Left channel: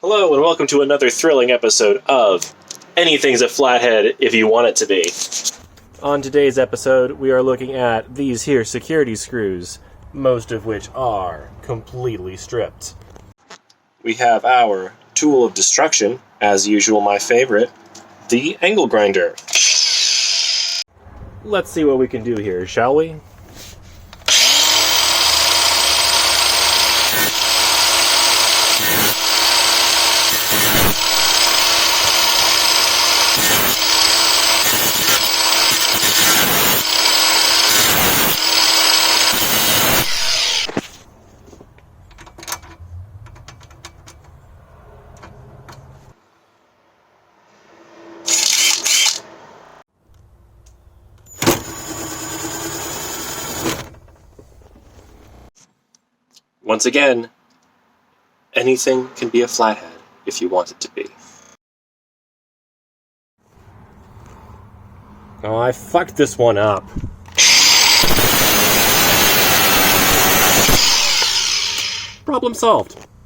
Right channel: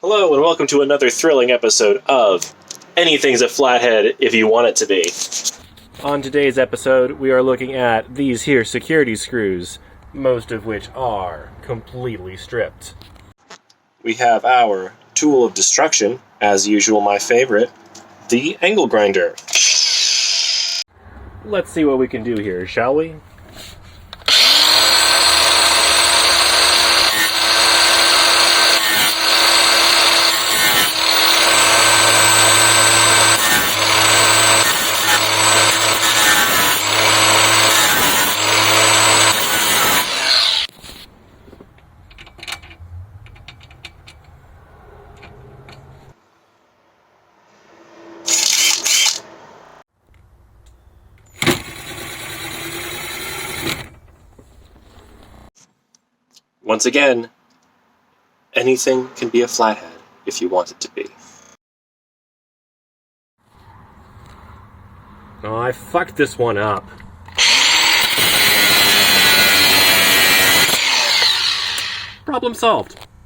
Hello and welcome to another thrilling episode of Anything's a Flathead If You Want It to Be. On today's episode, we are looking at these here security screws, most of which are completely stripped. We have our tool of destruction, as usual my favorite, the angle grinder. Let's see what we can do here, shall we? Once again, anything can be a flathead if you want it to be. Oh, I fucked this one up. Problem solved.